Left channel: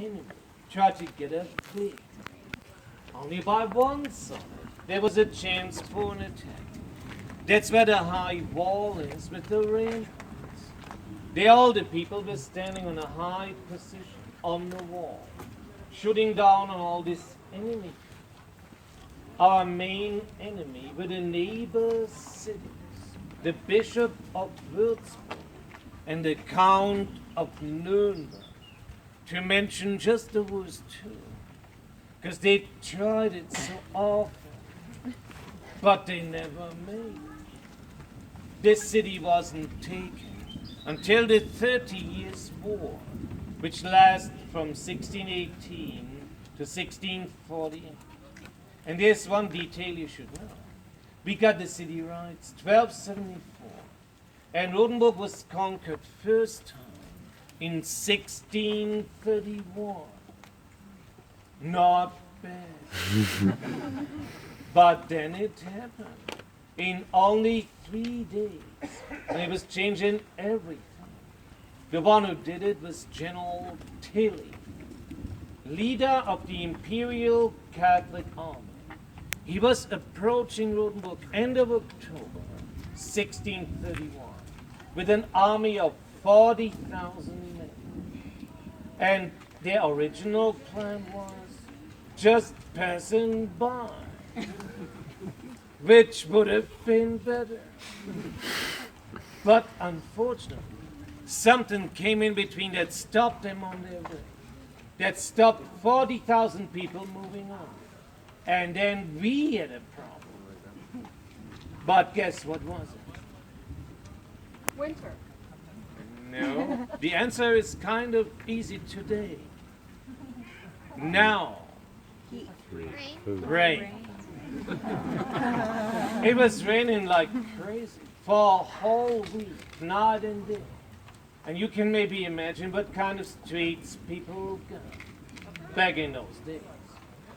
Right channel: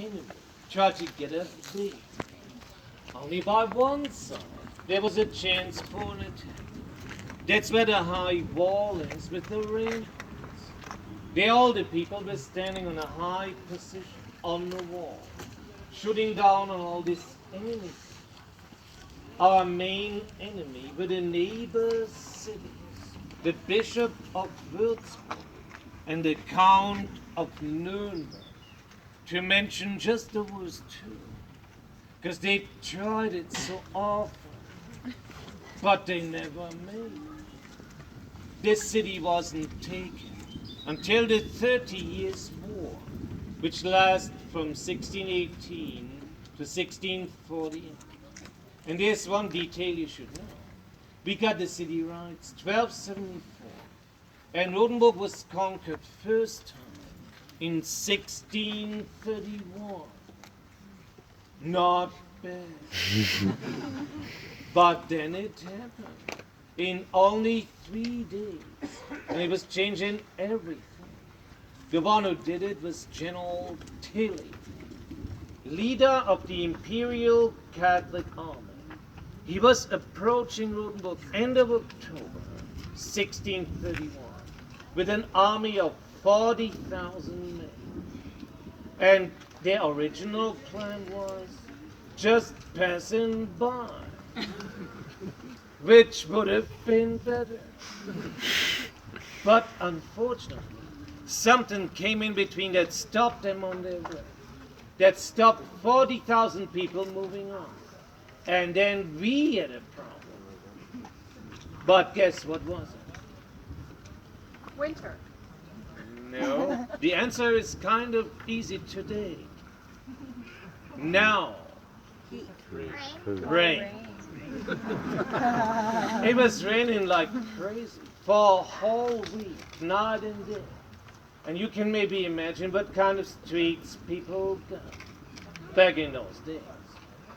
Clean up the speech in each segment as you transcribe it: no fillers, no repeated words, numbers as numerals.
enemy tried to get us there. Only by one side there was a chance for an attack. That's where the high wall is with the ramparts. All the people were standing on a high position on the wall, shooting down on all this enemy. Our main enemy were the neighbor cities, the Bishop of Würzburg and the Count of Nuremberg, to mention just those two, because they tried it so often, but they never made it. This city wasn't taken until the 30 Years' War, which lasted from 1618 to 1648. And there's one detail you should know. We got the city rights 1274, and Rodenburg was conquered first time in 1631. Not bad. But then it happened in only 3 days, and it was changing everything. The one who did it was General Tilly, leader of the Imperial Catholic Army. He was approaching Rodenburg end of October 1631 with an army of 40,000 men. And their original plan was just passing by, which would have been better. But unfortunately, something came in between that stopped them on their way, that stopped 40,000 people moving on. And then we had a problem. But guess what was it? Winter. No. The answer is kind of easy today. Now. Rain. It was raining like crazy for a whole week, night and day. And you can maybe imagine what kind of streets people got back in those days.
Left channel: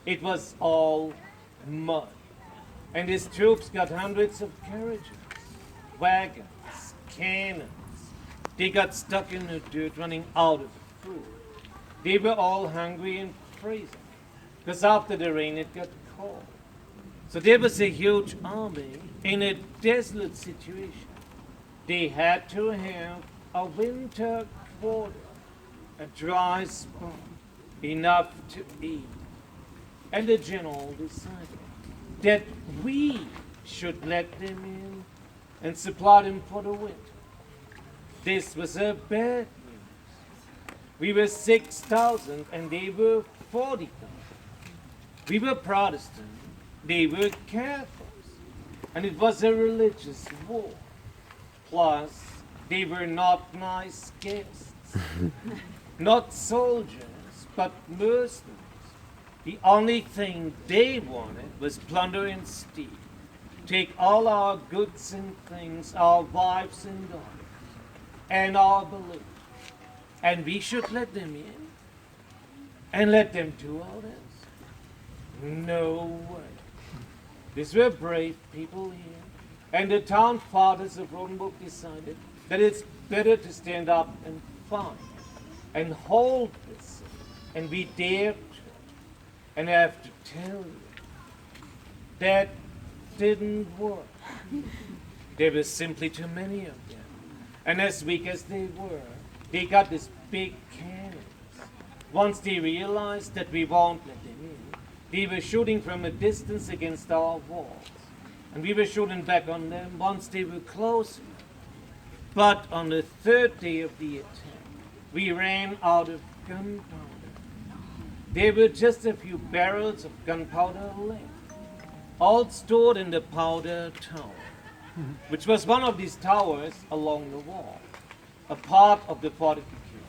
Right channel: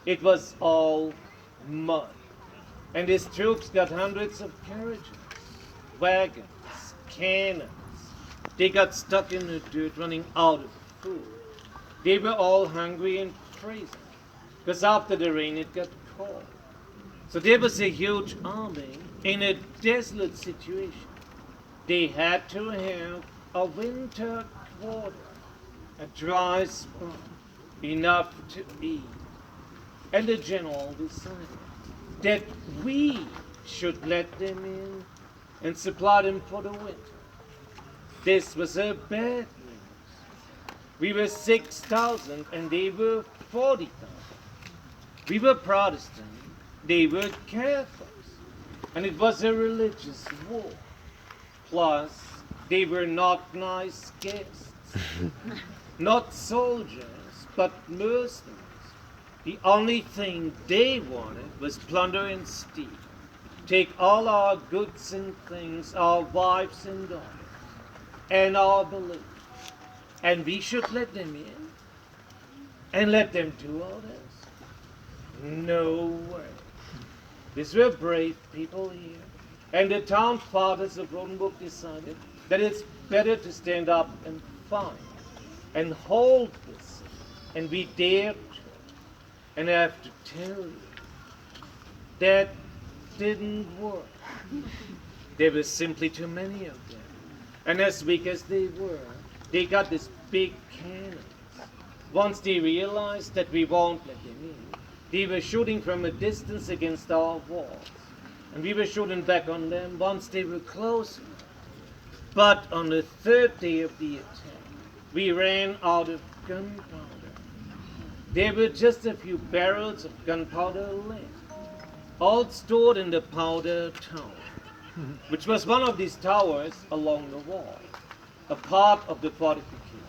It was all mud. And his troops got hundreds of carriages, wagons, cannons. They got stuck in the dirt running out of food. They were all hungry and freezing, because after the rain it got cold. So there was a huge army in a desolate situation. They had to have a winter quarter, a dry spot, enough to eat. And the general decided that we should let them in and supply them for the winter. This was a bad news. We were 6,000 and they were 40,000. We were Protestant, they were Catholics, and it was a religious war. Plus, they were not nice guests, not soldiers, but mercenaries. The only thing they wanted was plunder and steal. Take all our goods and things, our wives and daughters, and our balloons. And we should let them in and let them do all this? No way. These were brave people here. And the town fathers of Rodenburg decided that it's better to stand up and fight and hold this. And we dared to. And I have to tell you, that didn't work. There were simply too many of them. And as weak as they were, they got this big cannons. Once they realized that we won't let them in, they were shooting from a distance against our walls. And we were shooting back on them once they were closer. But on the third day of the attack, we ran out of gunpowder. There were just a few barrels of gunpowder left, all stored in the powder tower, which was one of these towers along the wall, a part of the fortification,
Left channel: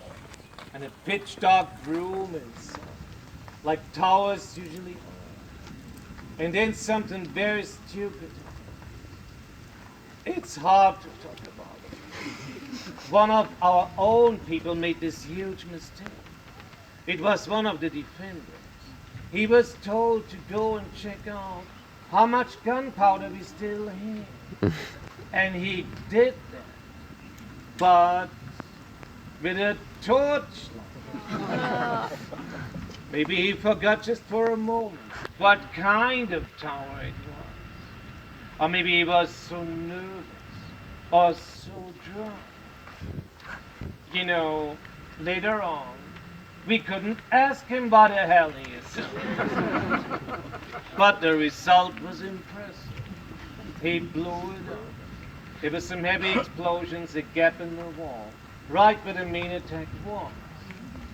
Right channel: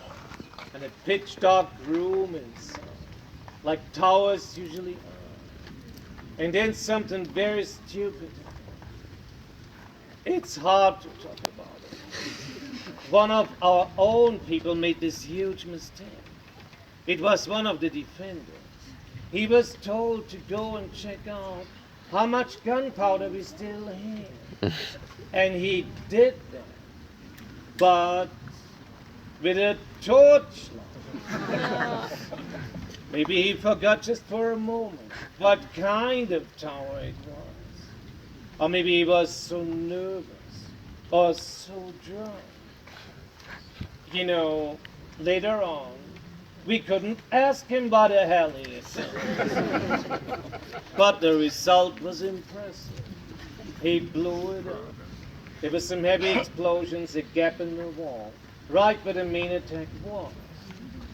and a pitch-dark room inside, like towers usually are. And then something very stupid. It's hard to talk about it. One of our own people made this huge mistake. It was one of the defenders. He was told to go and check out how much gunpowder we still had. And he did that. But with a torchlight. Maybe he forgot just for a moment what kind of tower it was. Or maybe he was so nervous or so drunk. You know, later on, we couldn't ask him what the hell he is saying. But the result was impressive. He blew it up. There were some heavy explosions, a gap in the wall, right where the main attack was.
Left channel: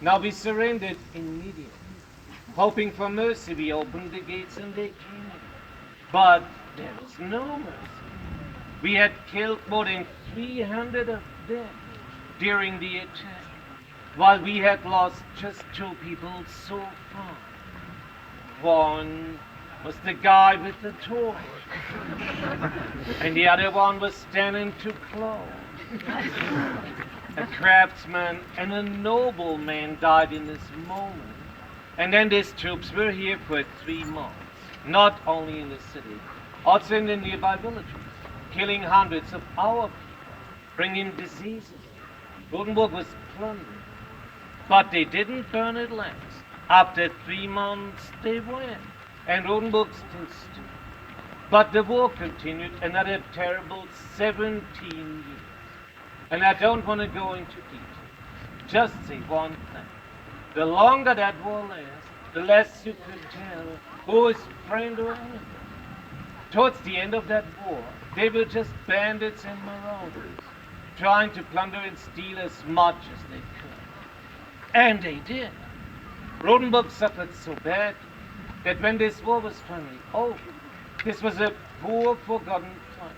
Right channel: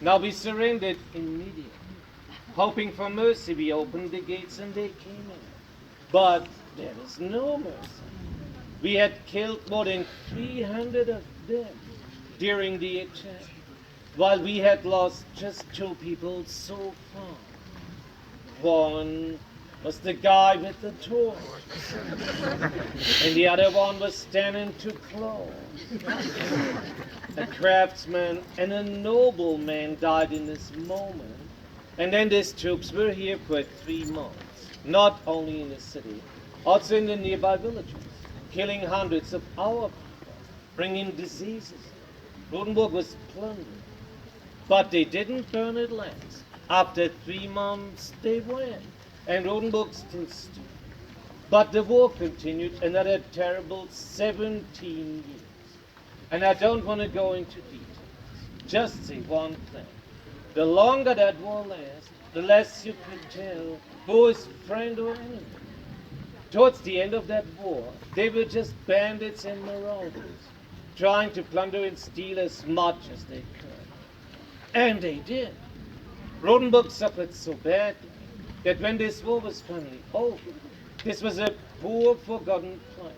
Now we surrendered immediately. Hoping for mercy, we opened the gates and they came in. But there was no mercy. We had killed more than 300 of them during the attack, while we had lost just 2 people so far. One was the guy with the torch, and the other one was standing too close. A craftsman and a nobleman died in this moment, and then these troops were here for 3 months, not only in the city, also in the nearby villages, killing hundreds of our people, bringing diseases. Rotenburg was plundered, but they didn't burn it last. After 3 months, they went, and Rotenburg still stood. But the war continued another terrible 17 years. And I don't want to go into details. Just say one thing. The longer that war lasts, the less you could tell who is friend or enemy. Towards the end of that war, they were just bandits and marauders, trying to plunder and steal as much as they could. And they did. Rotenburg suffered so badly that when this war was finally over, this was a poor, forgotten place.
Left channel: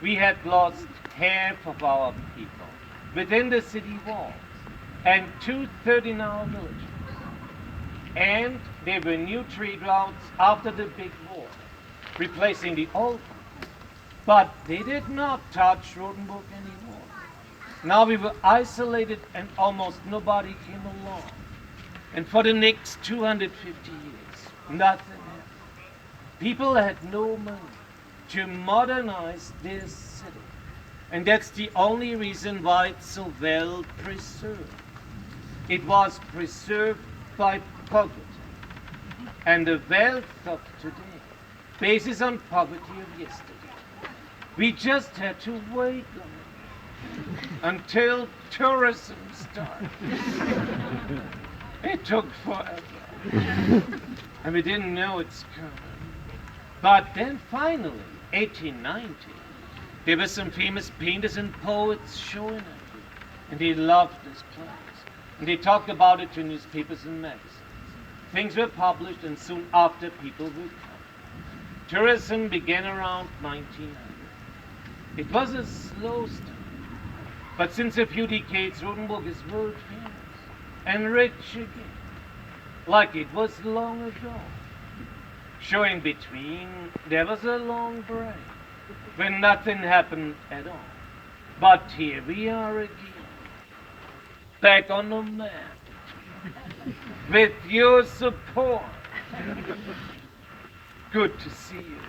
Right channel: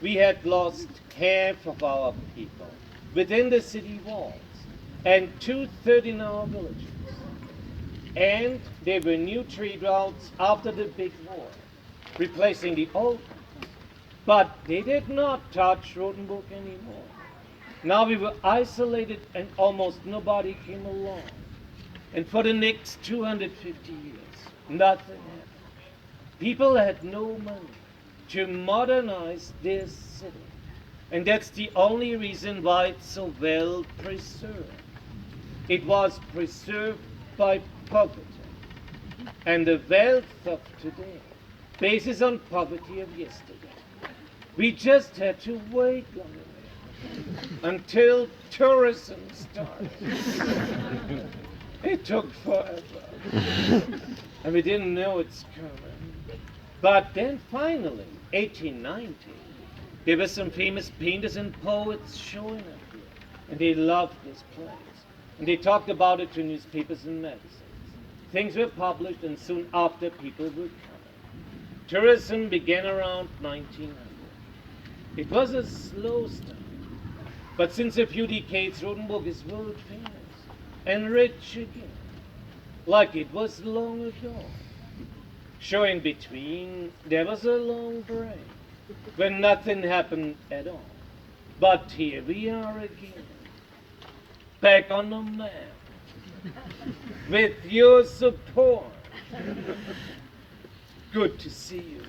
We had lost half of our people within the city walls and 2/3 in our villages. And there were new trade routes after the big war, replacing the old ones. But they did not touch Rotenburg anymore. Now we were isolated and almost nobody came along. And for the next 250 years, nothing happened. People had no money to modernize this city. And that's the only reason why it's so well preserved. It was preserved by poverty. And the wealth of today bases on poverty of yesterday. We just had to wait long enough until tourism started. It took forever. And we didn't know it's coming. But then finally, 1890, there were some famous painters and poets showing up here. And they loved this place. And they talked about it to newspapers and magazines. Things were published, and soon after, people would come. Tourism began around 1900. It was a slow start. But since a few decades, Rotenburg is world famous and rich again, like it was long ago. Sure, in between, there was a long break when nothing happened at all. But here we are again, back on the map, with your support. Good to see you.